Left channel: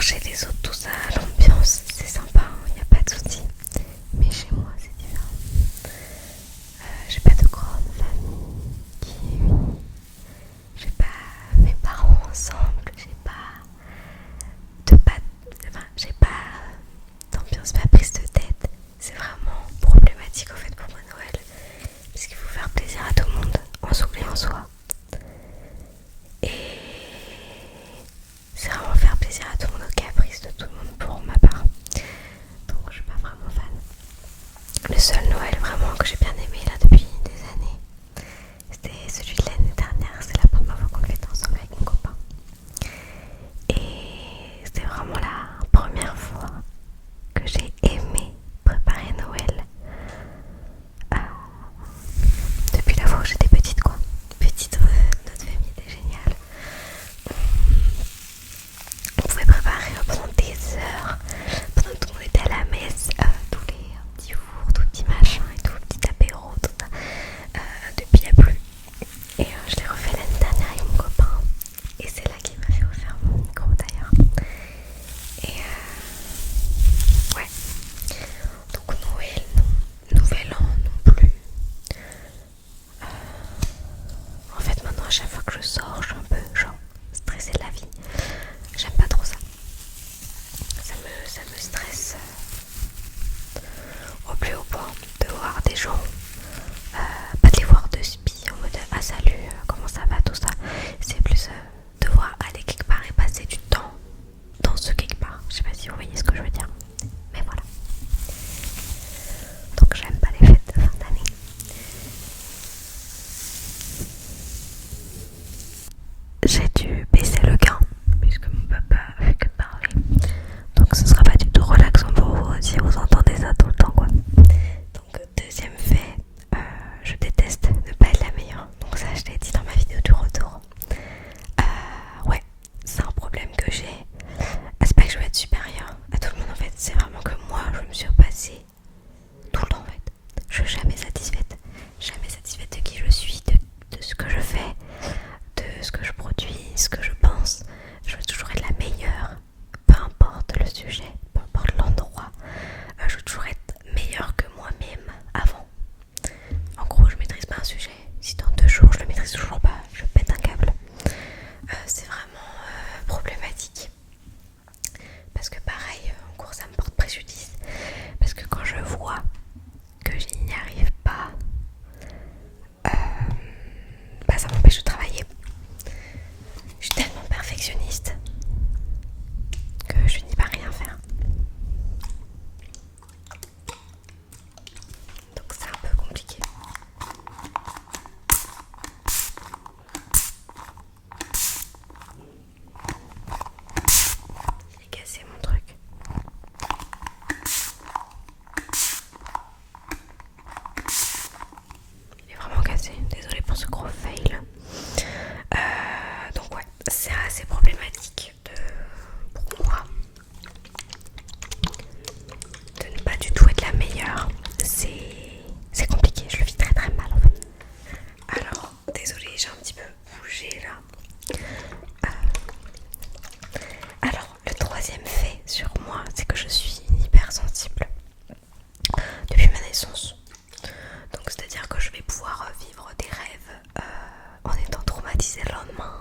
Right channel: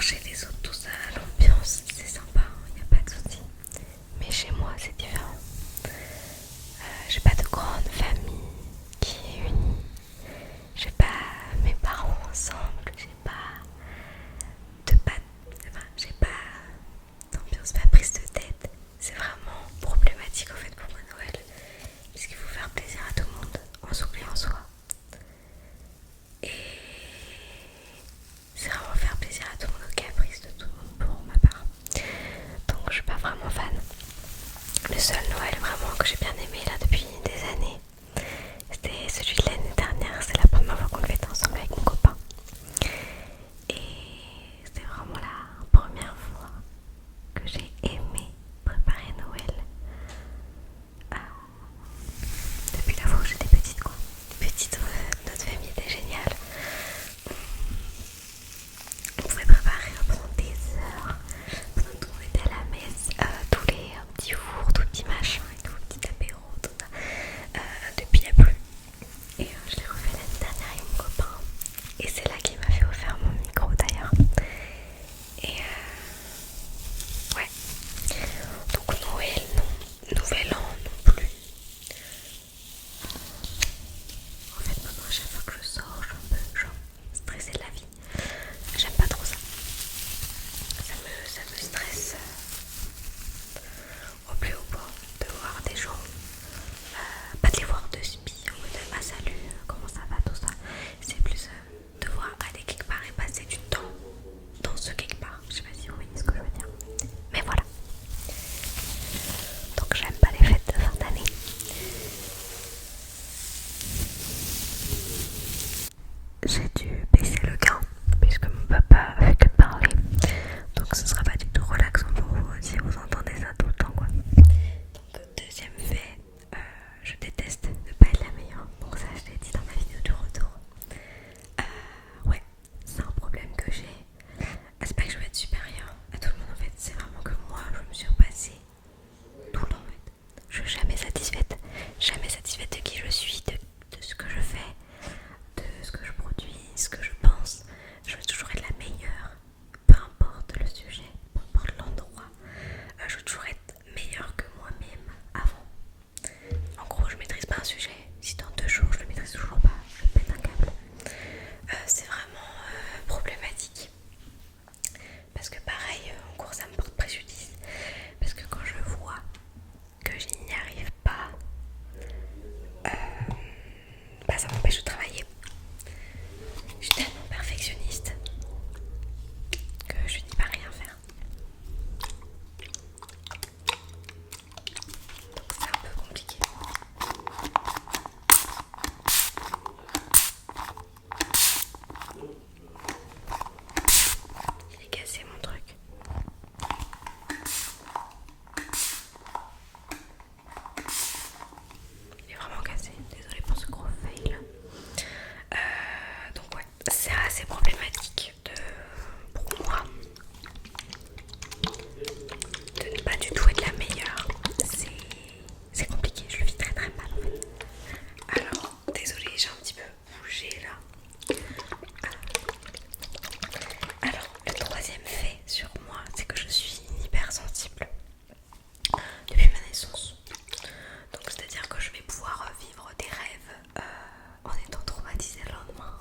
Chez les autres, tout ça, l'ambiance, c'est sympa, il n'y a pas de souci. Mais chez moi, c'est différent. J'ai pas de grande famille qui est unie. J'ai pas mes parents ensemble. J'ai pas d'ambiance, pas prise de tête. C'est vraiment problématique en fait pour moi Noël. Parce qu'il faut faire plaisir à tout le monde. On s'oublie en soi. Et c'est vraiment faire plaisir à tout le monde, aux caprices de tout le monde pour ma part. Donc je suis pas vraiment fan. Le seul Noël vraiment que j'ai bien aimé là depuis des années, c'était celui de l'année dernière. C'est la première fois qu'on le fêtait ensemble avec mon copain. Et c'était vraiment la première fois que j'ai aimé préparer Noël. Euh, Depuis la fois où j'étais petite quoi. Petite, notre famille était géniale. On pouvait préparer pendant des heures, pendant que tout le monde était à la messe, tous les petits fours, tous les petits machins et tout, petits apéros, tout ça. Depuis la pluie. Et je l'ai refait l'année dernière avec mon copain. Et c'est là qu'il m'a fait offrir mon micro d'ailleurs. Et ouais. Donc Noël non, Nouvel An non plus. En fait maintenant à chaque fois que je sors, je suis un peu genre stressée de la vie. J'aime pas trop ça. Ça me stresse au plus haut point de voir des gens, pas de les voir de spi en mode ah salut, comment ça va, tout ça. C'est plus devoir aller quelque part et passer du temps dans ce quelque part. Je sais pas si vous voyez ce que je veux dire, mais voilà. Donc j'aime pas les fêtes de fin d'année. J'ai dû baisser le gain puisque mon papa fait que parler. Donc ce sera pas du tout relaxant pour vous si vous entendez ça tout le temps quoi. Donc deuxième fait, je déteste ne pas être la meilleure. Donc ça je l'ai dit dans ma vidéo du retour. Ouais, c'est un problème que j'ai. C'est pas que je veux être supérieure à tout le monde en fait. C'est vraiment que moi je me suis repassée tout le temps en fait. Je suis jamais satisfaite de qui je suis, de ce que je fais, de ce que je produis, ce que je pense. Je veux toujours être la meilleure, peu importe le sujet, peu importe l'endroit. Je veux toujours être meilleure que moi-même avant. En gros, je maîtrise pas un sujet. Si dans 2 jours je le maîtrise toujours pas, je pète un câble. C'est vraiment problématique. Parce que pareil, en cours ça me porte préjudice. Parce que quand je vois que je n'y arrive pas, bah ça m'empêche de travailler. Je suis tellement perfectionniste que je n'y peux rien faire. Donc c'est un peu compliqué. Il est cassé mon truc. Il est vraiment cassé. Désolée pour ce gros fail. Donc ouais, c'est assez problématique pour moi de ne pas du tout être la meilleure. C'est compliqué, je le vis très très mal en fait. Alors, désolée, j'ai un petit peu bougé là. Alors, le troisième fait sur moi, c'est que je suis hypersensible depuis ma naissance. Donc, c'est-à-dire que je vais pouvoir vivre des rêves en étant traumatisée le lendemain.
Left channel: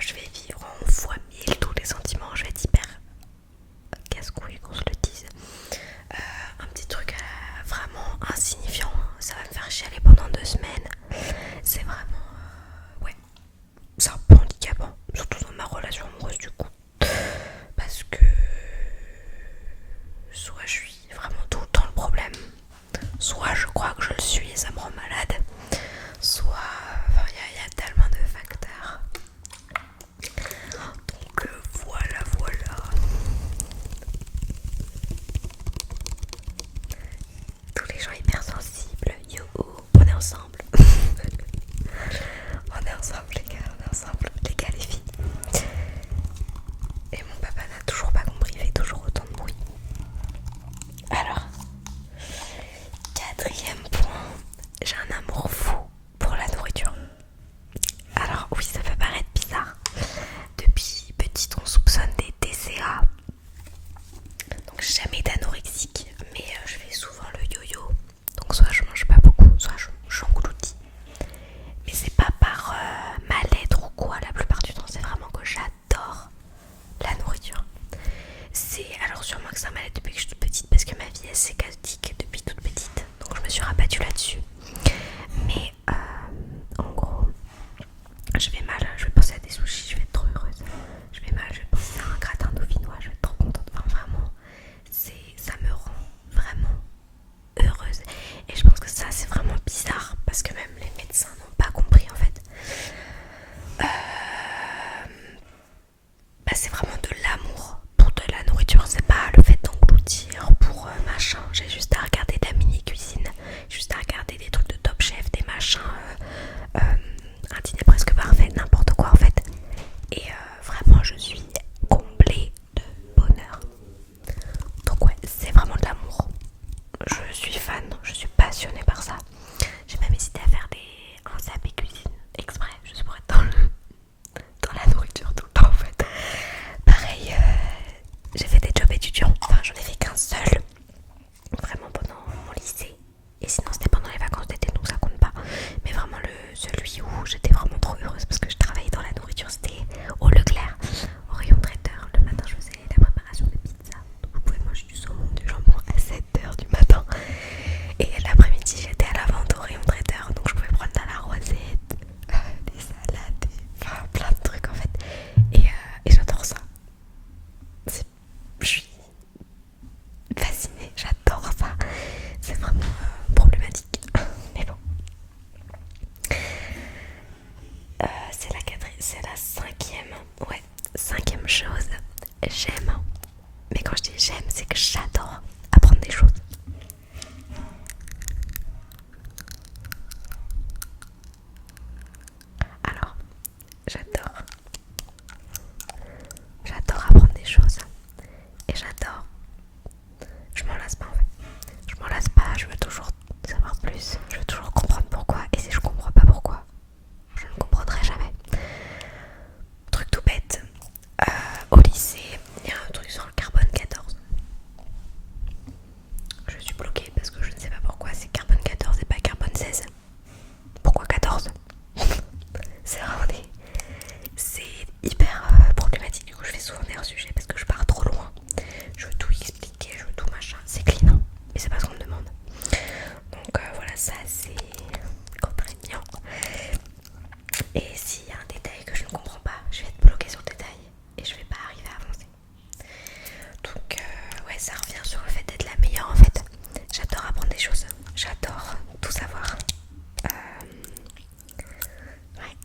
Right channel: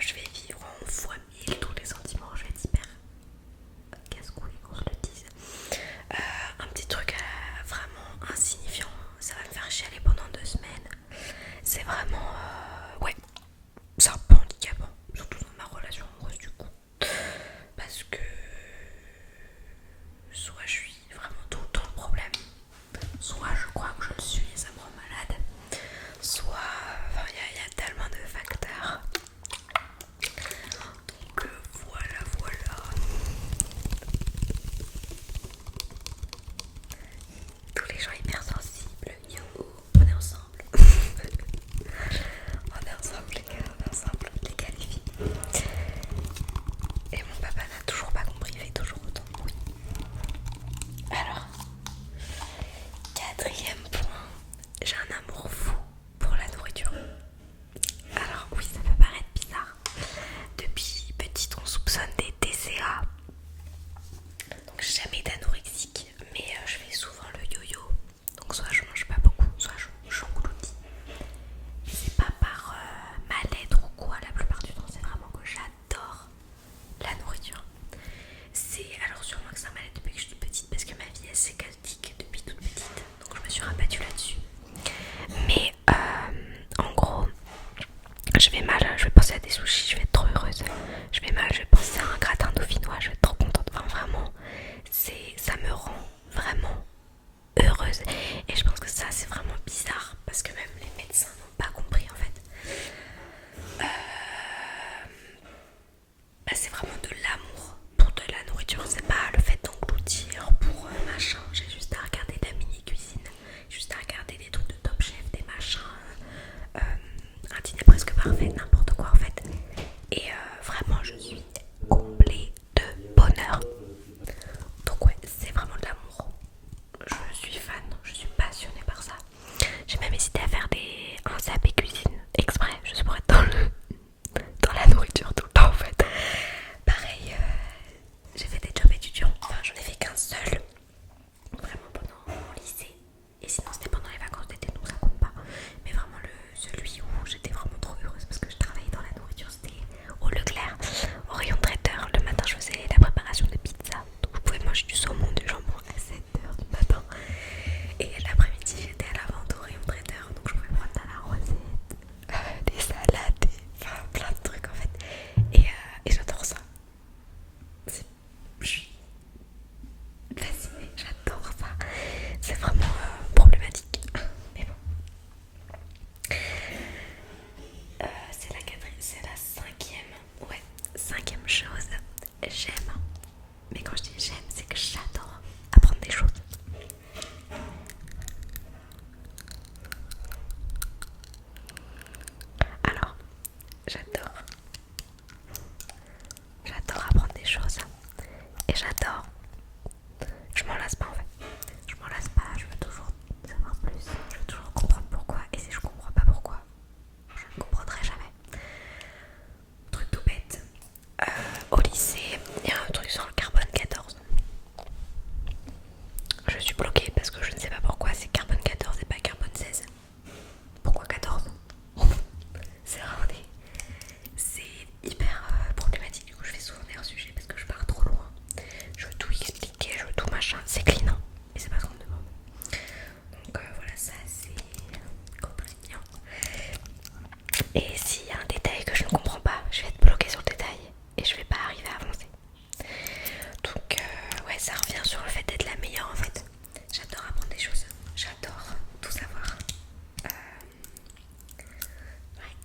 Je vais vivre en fois 1000 tous les sentiments. Je vais être hyper casse-couille qu'on se le dise. Un petit truc vraiment insignifiant, ça va me faire chialer pendant 2 semaines. C'est vraiment ouais, c'est un peu handicapant, surtout dans ma relation amoureuse du coup, parce que soit je suis vraiment tout le temps le problème, soit je crois que je le suis et ça me rend malade, soit il y a tellement de facteurs. penser à des sushis, je vais être trop heureuse. Je vais penser à un gratin dauphinois, je vais être trop contente. Enfin, vraiment, ça me rend vraiment heureuse. Et je pense que ça, c'est vraiment bizarre parce que même les médecins n'ont pas compris en fait. Bah, c'est vraiment de l'amour pour de la nourriture, c'est pas le fait d'engloutir pour machin. J'ai juste à regarder de la mini cuisine, juste à regarder des trucs de Top Chef, des machins, un dîner presque parfait, n'importe quoi en fait. Et vraiment je suis comblée de bonheur. Donc ouais, c'est vraiment de l'amour. Je suis fan, je suis passionnée par ça. J'ai même hésité à faire un CAP cuisine exprès, juste pour être dans la nourriture tout le temps en fait. Pareil, j'ai fait des jobs étudiants, enfin j'en ai fait qu'un seul, vraiment pendant mon lycée. Et sinon c'était pendant les vacances d'été, donc ça compte pas. Mais vraiment celui où j'étais vraiment trop heureuse parce que je travaillais dans la nourriture, c'était au Leclerc, au rayon traiteur. Le matin je faisais la préparation de pizza, donc vous pouvez manger du saumon, du jambon à 7h du matin. Et l'après-midi j'étais à la vente au rayon traiteur, donc je pouvais prendre de la rosette, des salades, enfin plein de trucs en fait. Et j'adore ça. Je suis fascinée, j'adore ça. C'est vraiment problématique. Mais bon. C'est la cinquième. Ouais, cinquième chose. J'aime. Mais quand je dis j'aime, c'est que j'adore apprendre des choses. Alors, j'adore apprendre des choses. Et j'adore. Je m'en lasse pas en fait. Je m'en lasse pas, je veux toujours savoir plus. Je veux toujours comprendre pourquoi. Et si je comprends pas pourquoi, je ne comprendrai jamais. Truc tout bête. Au lycée, il y a un truc sur le carbone 14. Je suis bloquée parce que je ne sais pas pourquoi c'est carbone 14 et pas carbone 16. Pourquoi 14? C'est vraiment c'est hyper problématique. Du coup je fais souvent des hors-sujets parce que je pars trop loin. Je veux tout expliquer, je veux tout machin. C'est clean, mais c'est pas ce qu'on me demande. Donc voilà, ça c'est contraignant. Et s'il y a un détail que je ne comprends pas, je vais être bloquée sur le détail et je vais pas arriver à avancer. Donc ouais, ça revient sur le fait d'être la meilleure en fait. J'adore apprendre des choses, j'adore tout savoir. Ouais.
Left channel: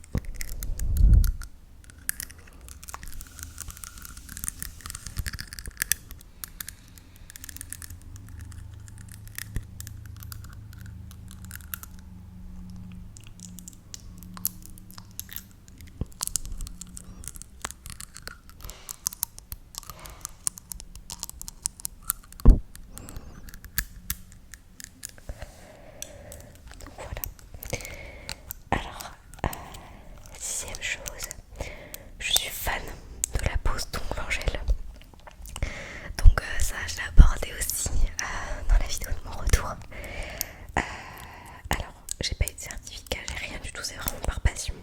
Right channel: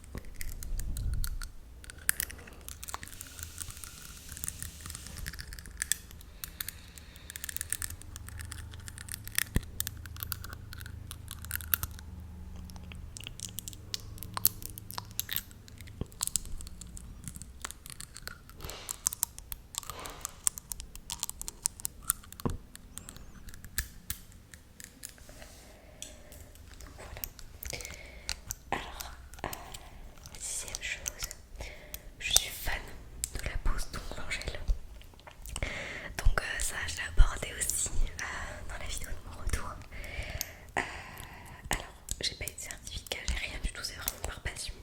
Voilà. Alors, sixième chose, je suis fan de la pose d'ongles en gel. Donc ça, je l'ai abordé aussi dans la vidéo de mon retour. Alors, j'ai pas eu de certificat, j'ai rien du tout, c'est vraiment par passion.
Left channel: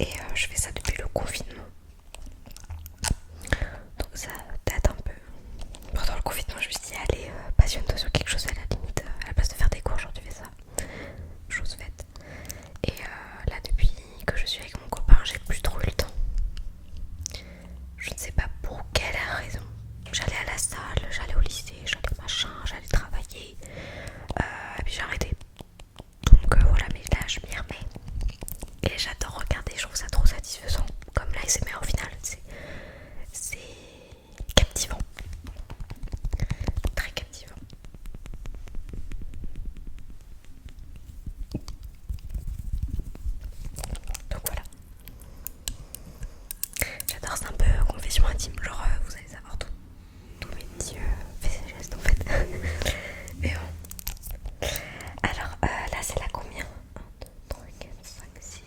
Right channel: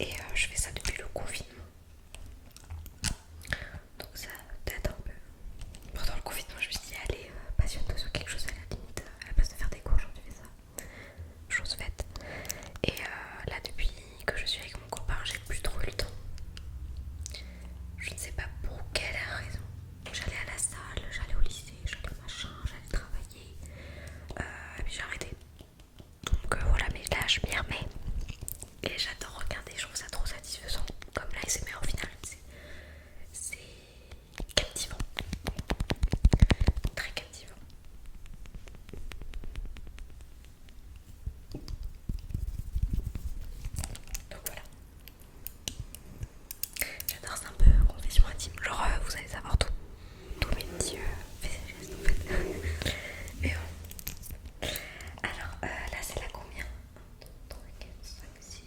Et je fais ça depuis le confinement. Donc ça date un peu. Pendant le confinement, je me suis dit, allez, passionne-toi sur quelque chose à la limite. À la place de faire des cours, genre tu fais ça. Chose faite. Et là, depuis que je suis avec mon copain, j'ai plus trop eu le temps. Je ne sais pas pour quelle raison. J'allais à la salle, j'allais au lycée, j'allais machin, j'allais travailler. Et puis j'ai arrêté. Donc voilà, mais là je m'y remets. Et j'adore regarder, je trouve ça trop satisfaisant. Comme l'ASMR au final, c'est captivant. Très captivant. Donc voilà. J'adore, c'est un peu confession intime. Genre vous allez savoir tous mes petits faits et gestes en fait. Mais bon. Alors là c'est la combien? 1, 2, 3, 4, 5, 6,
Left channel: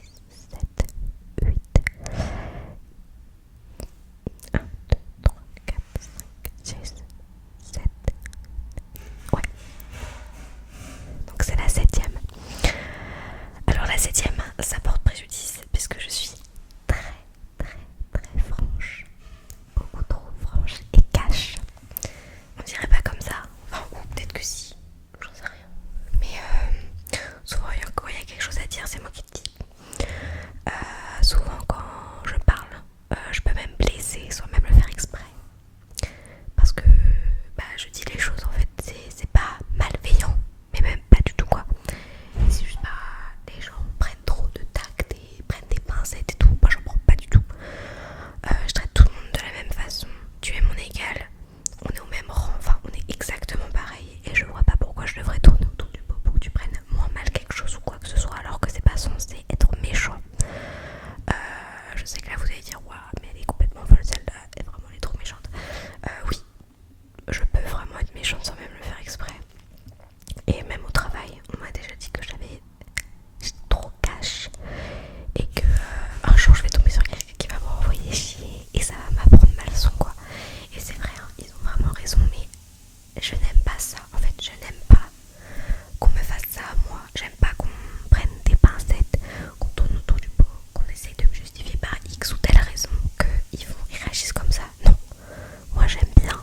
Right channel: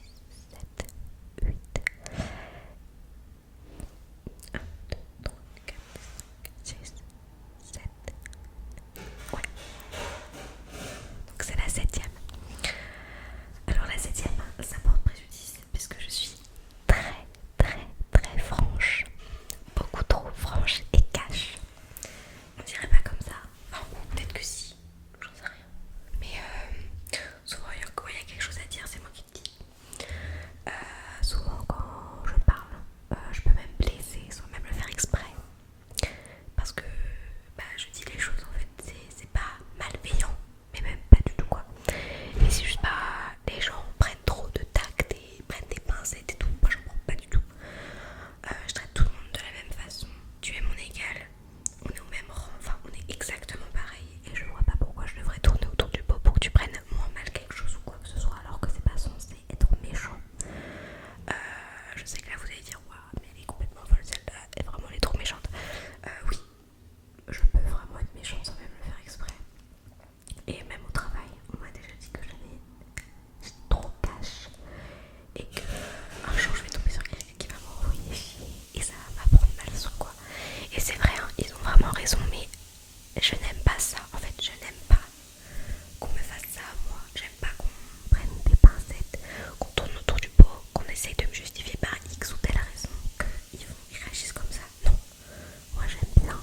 7, 8. 1, 2, 3, 4, 5, 6, 7. Ouais. Donc c'est la septième. Alors la septième, ça porte préjudice puisque je suis très franche. Beaucoup trop. et que un jour je vais tomber sur quelqu'un qui va m'envoyer chier et ça va m'apprendre ma leçon quoi. Et c'est vrai, hein, ils ont vraiment raison, mais je n'aime pas ça. En fait, je n'aime pas qu'on me fasse ça à moi. J'aime pas qu'on prenne des pincettes, qu'on tourne autour du pot, qu'on essaye de me justifier par X ou telle raison qu'ils réagissent comme ça. Non, moi j'aime bien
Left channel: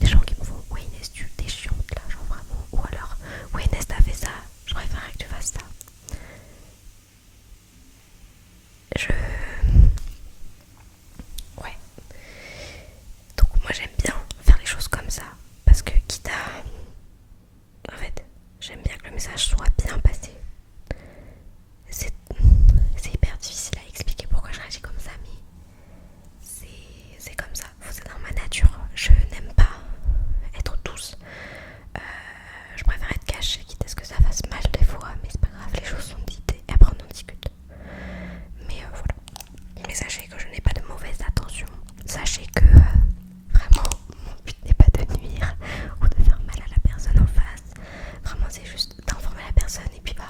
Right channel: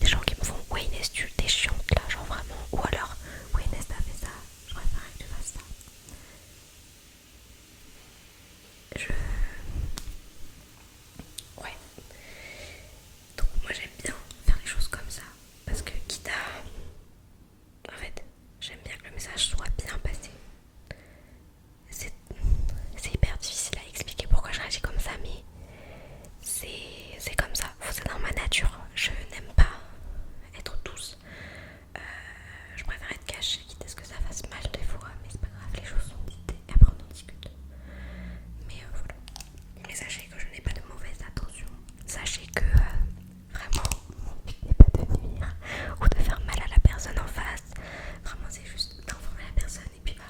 des gens qui me font ouais Inès tu t'es chiante là, genre vraiment. Ou alors ouais Inès t'as fait ça, je préférerais que tu fasses ça. Ouais. Donc moi j'aime bien faire les choses comme ça. Parce que quitte à... En fait, j'aime bien que le message soit bien passé. C'est hyper difficile à expliquer pourquoi je réagis comme ça, mais c'est comme ça. C'est dans ma nature. Je n'aime pas être douce. Je préfère être cachée, quitte à ce que ça fasse mal des fois, mais c'est pas grave, les choses sont dites et après on en discute. Mais voilà. Mais sachez que je n'ai pas de mauvaise intention. Sachez que vraiment mon but n'est pas de nuire ou de faire mal à la personne en face. Vraiment c'est juste d'informer la personne et puis bah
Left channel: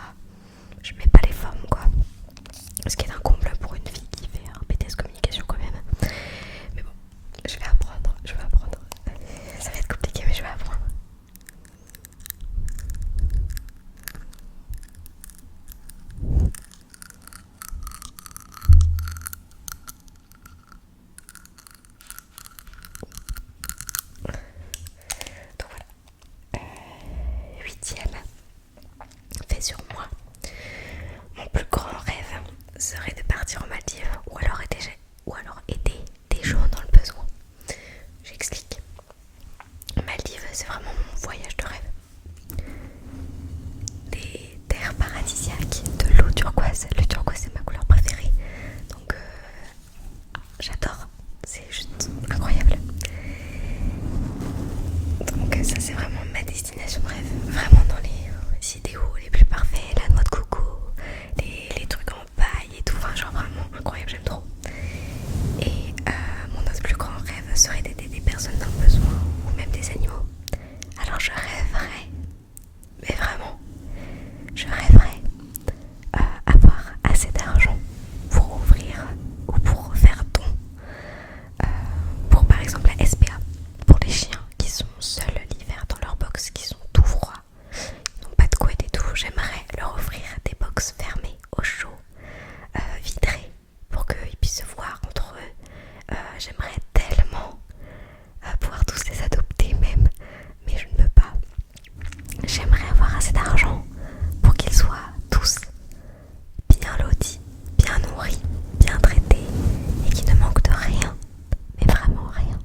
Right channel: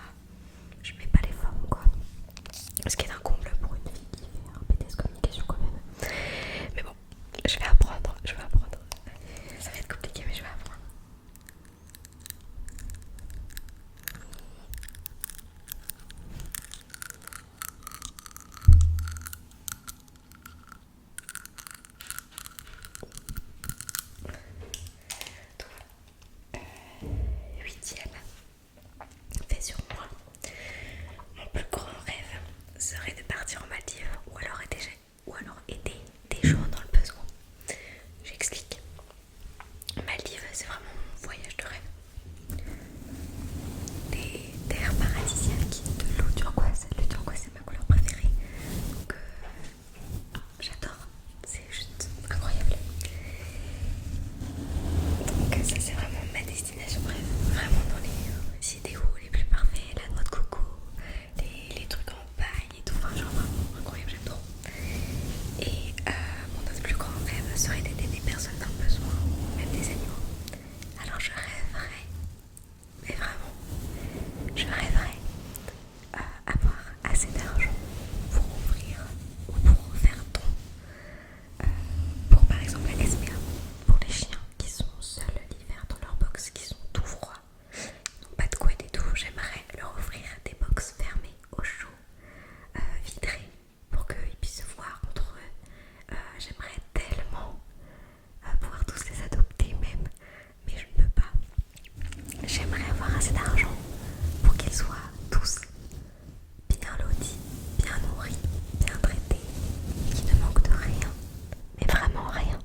je mets pas les formes quoi. Ce qui est un comble pour une fille qui fait un BTS communication quand même. Mais bon, je vais apprendre. Ça va être compliqué mais je vais apprendre. Donc voilà. Huitième fait sur moi. Mon plus grand rêve serait de partir en Maldives ou alors aider des gens dans le besoin. J'explique. Maldives, c'est vraiment mon voyage de rêve. Des terres paradisiaques, de l'eau turquoise. Le turquoise, c'est ma couleur préférée. Donc, j'adore. C'est juste incroyable. Donc, ça, c'est vraiment ma destination rêve. Vraiment dans les idéaux les plus parfaits. La noix de coco, les trucs en paille et tout. Enfin, genre vraiment incroyable, j'aime trop. Et mon autre plus grand rêve serait d'aider des personnes dans le besoin ou même des animaux. Alors je rêverais, mais vraiment, je rêverais avoir assez d'argent pour ouvrir ou pour faire don pour par exemple la SPA, pour les chiens qui sont seuls l'hiver dans leur box, qui sont tout froids, ils n'ont pas de couette et tout. J'aimerais leur offrir des box fermées au chaud, vitrées, pour qu'ils puissent se voir entre eux. J'aimerais tellement pouvoir tous les adopter même, mais je ne peux pas. J'aimerais avoir assez d'argent pour qu'ils soient tous bien lotis, bien nourris, bien traités et qu'ils ne manquent de rien, mais vraiment rien.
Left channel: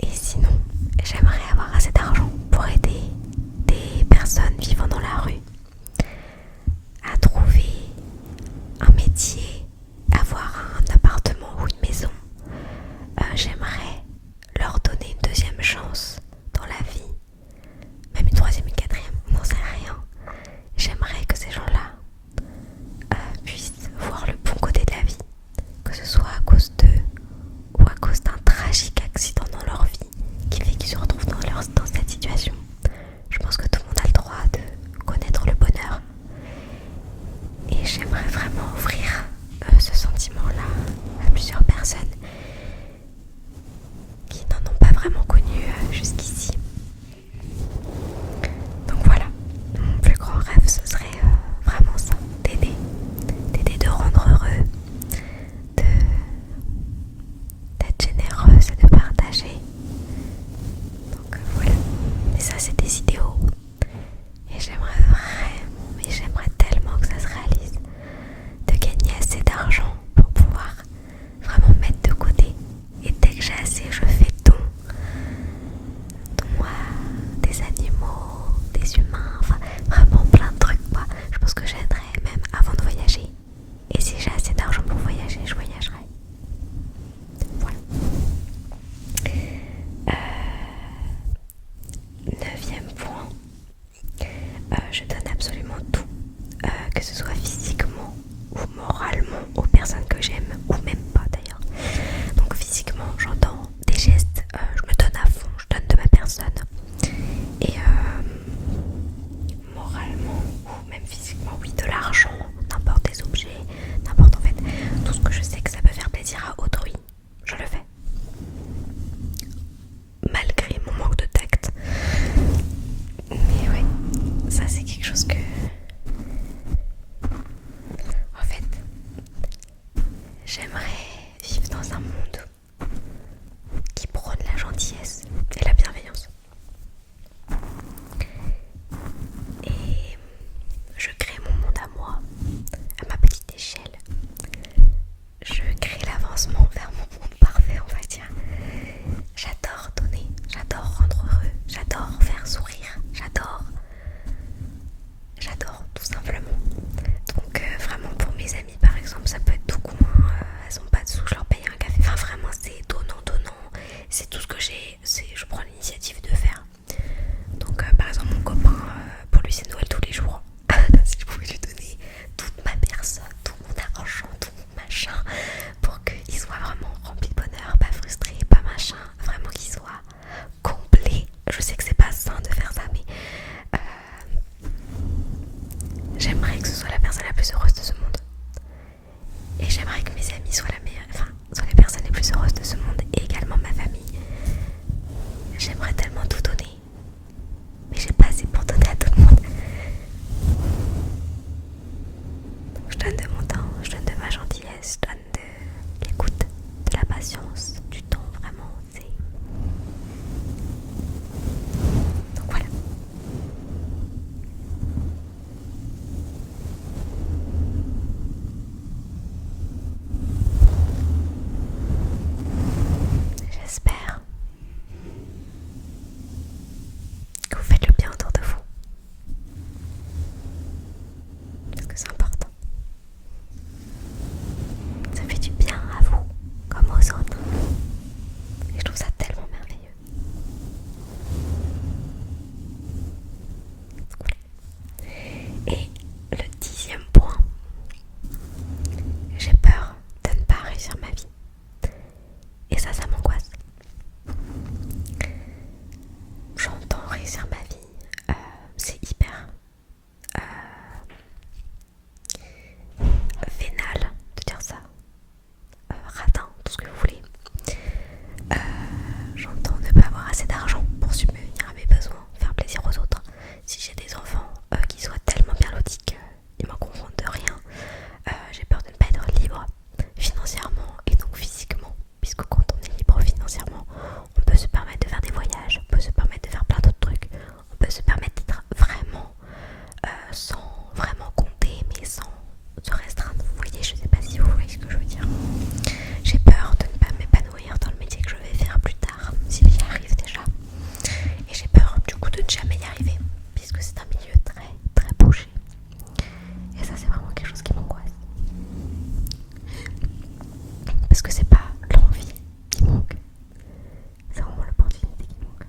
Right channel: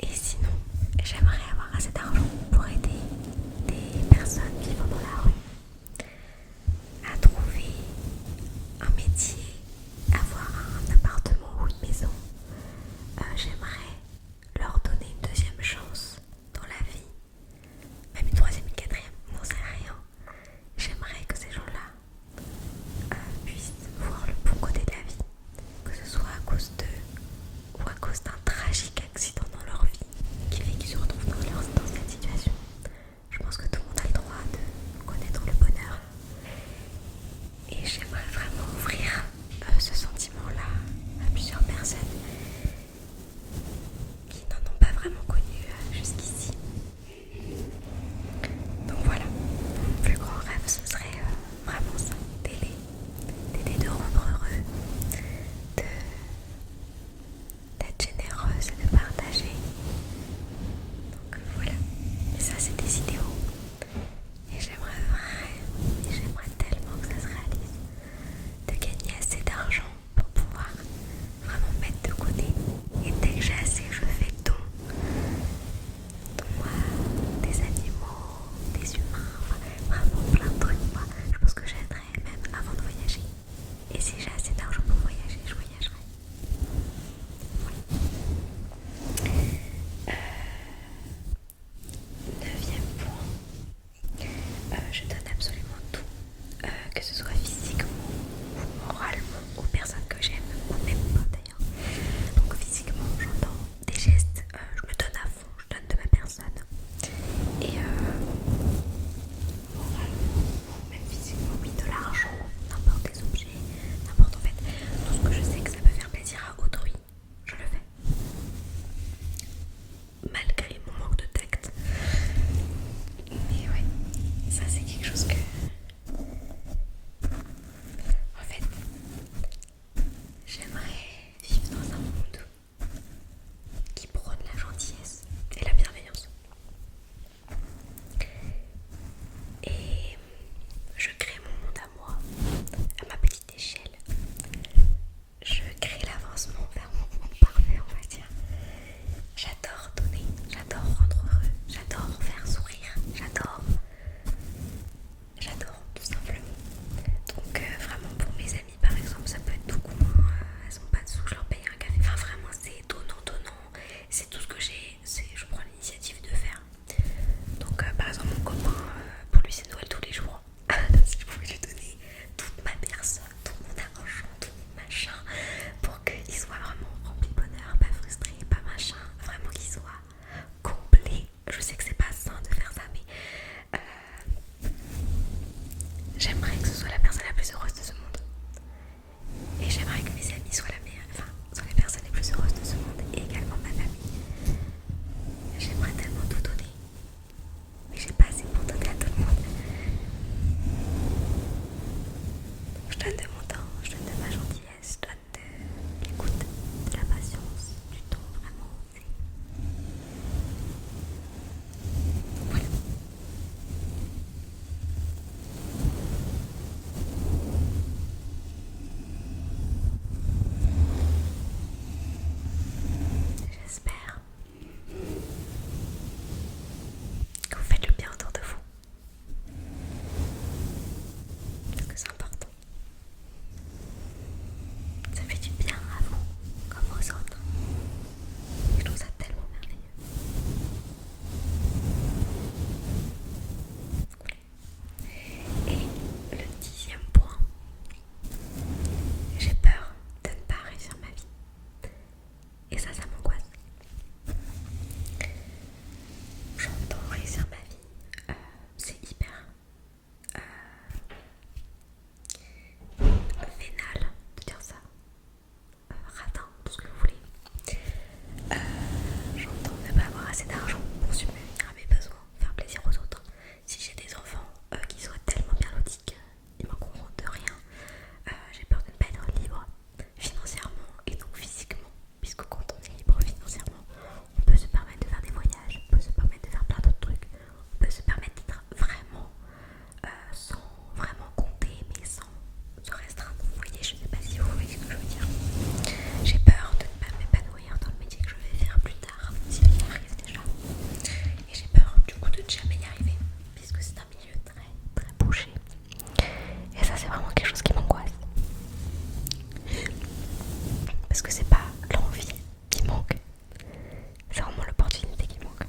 Et sinon, j'aimerais avoir assez d'argent pour aider des personnes vivant dans la rue à trouver un métier, avoir un appartement ou une maison. J'aimerais leur donner une deuxième chance dans la vie, même une troisième, une quatrième, on n'en sait rien. J'aimerais que ces gens-là puissent voir le bon côté de la vie, que ce soit à cause d'eux ou à cause d'un tragique accident dans leur vie qui fait qu'ils se retrouvent dans cette situation. Je pense que tout le monde a le droit de connaître le bonheur. Et j'aimerais vraiment offrir ce sentiment-là à plusieurs personnes qui n'en ont pas vraiment connu jusqu'ici. Donc voilà, mon plus grand rêve ce serait vraiment ça, d'aider, de rendre heureux, d'être généreuse et de partager. Donc voilà, mais ça c'est des idéaux. Et j'aimerais tellement que ça se réalise, de gagner assez d'argent pour pouvoir vraiment mettre de machin, pour qu'il soit vraiment rempli de bonheur, pas frustré, pas machin, vraiment qu'il soit complet. Je sais que c'est pas sain de faire ça, mais j'aimerais que ce soit la personne la plus heureuse de ce monde. Et j'aimerais que mes amis soient soient les personnes les plus heureuses de ce monde, et également ma famille. J'aimerais tellement tout donner, mais j'ai pas assez pour donner à tout le monde. Donc je donne de mon temps, je donne de ma gentillesse, je donne de l'écoute, de la patience, du temps, vraiment. Donc voilà. J'espère que vous faites le bien autour de vous. Parce que c'est important. Ça fait du bien à vous, comme aux autres. Et je trouve ça tellement merveilleux. Voilà. Et le 10e point, j'ai peur de ne pas réussir ma vie. Et ça m'angoisse. J'entends réussir ma vie, c'est hyper vénal de dire ça, radin, tout ce que vous voulez. J'entends ne pas avoir assez d'argent pour subvenir à mes besoins, faire plaisir aux autres. Si j'ai des enfants qui soient tellement bien lotis qu'ils m'en confondent de rien, j'ai peur de ne pas être libre financièrement et donc physiquement, puisque quand on est libre financièrement, on peut se permettre de faire des voyages, on peut se permettre de faire plein d'autres trucs, on peut se permettre d'être vraiment sans vraiment compter, mais sans se restreindre. Vous voyez, je sais pas si vous voyez ce que je veux dire. J'ai peur de ne pas m'épanouir dans le métier que je vais faire plus tard, si j'y arrive déjà. Et j'ai peur du coup de ne jamais y arriver, puisque c'est un milieu très très bouché. Et ça, c'est vraiment quelque chose qui m'angoisse. Parce que c'est pas l'envie qui manque, c'est vraiment l'opportunité qui manque.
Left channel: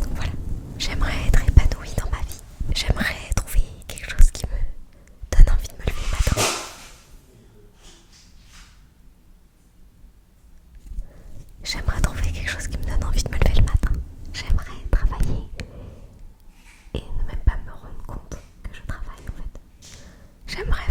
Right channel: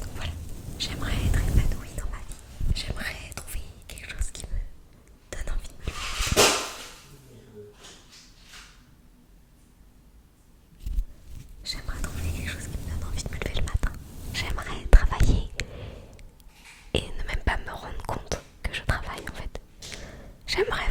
Donc voilà, j'aimerais être épanouie dans ma vie. J'aimerais trouver quelque chose qui me donne envie de me lever le matin. J'aimerais trouver quelque chose qui me donne envie de me lever le matin. J'aimerais travailler et ne même pas me rendre compte que je travaille en fait. J'aimerais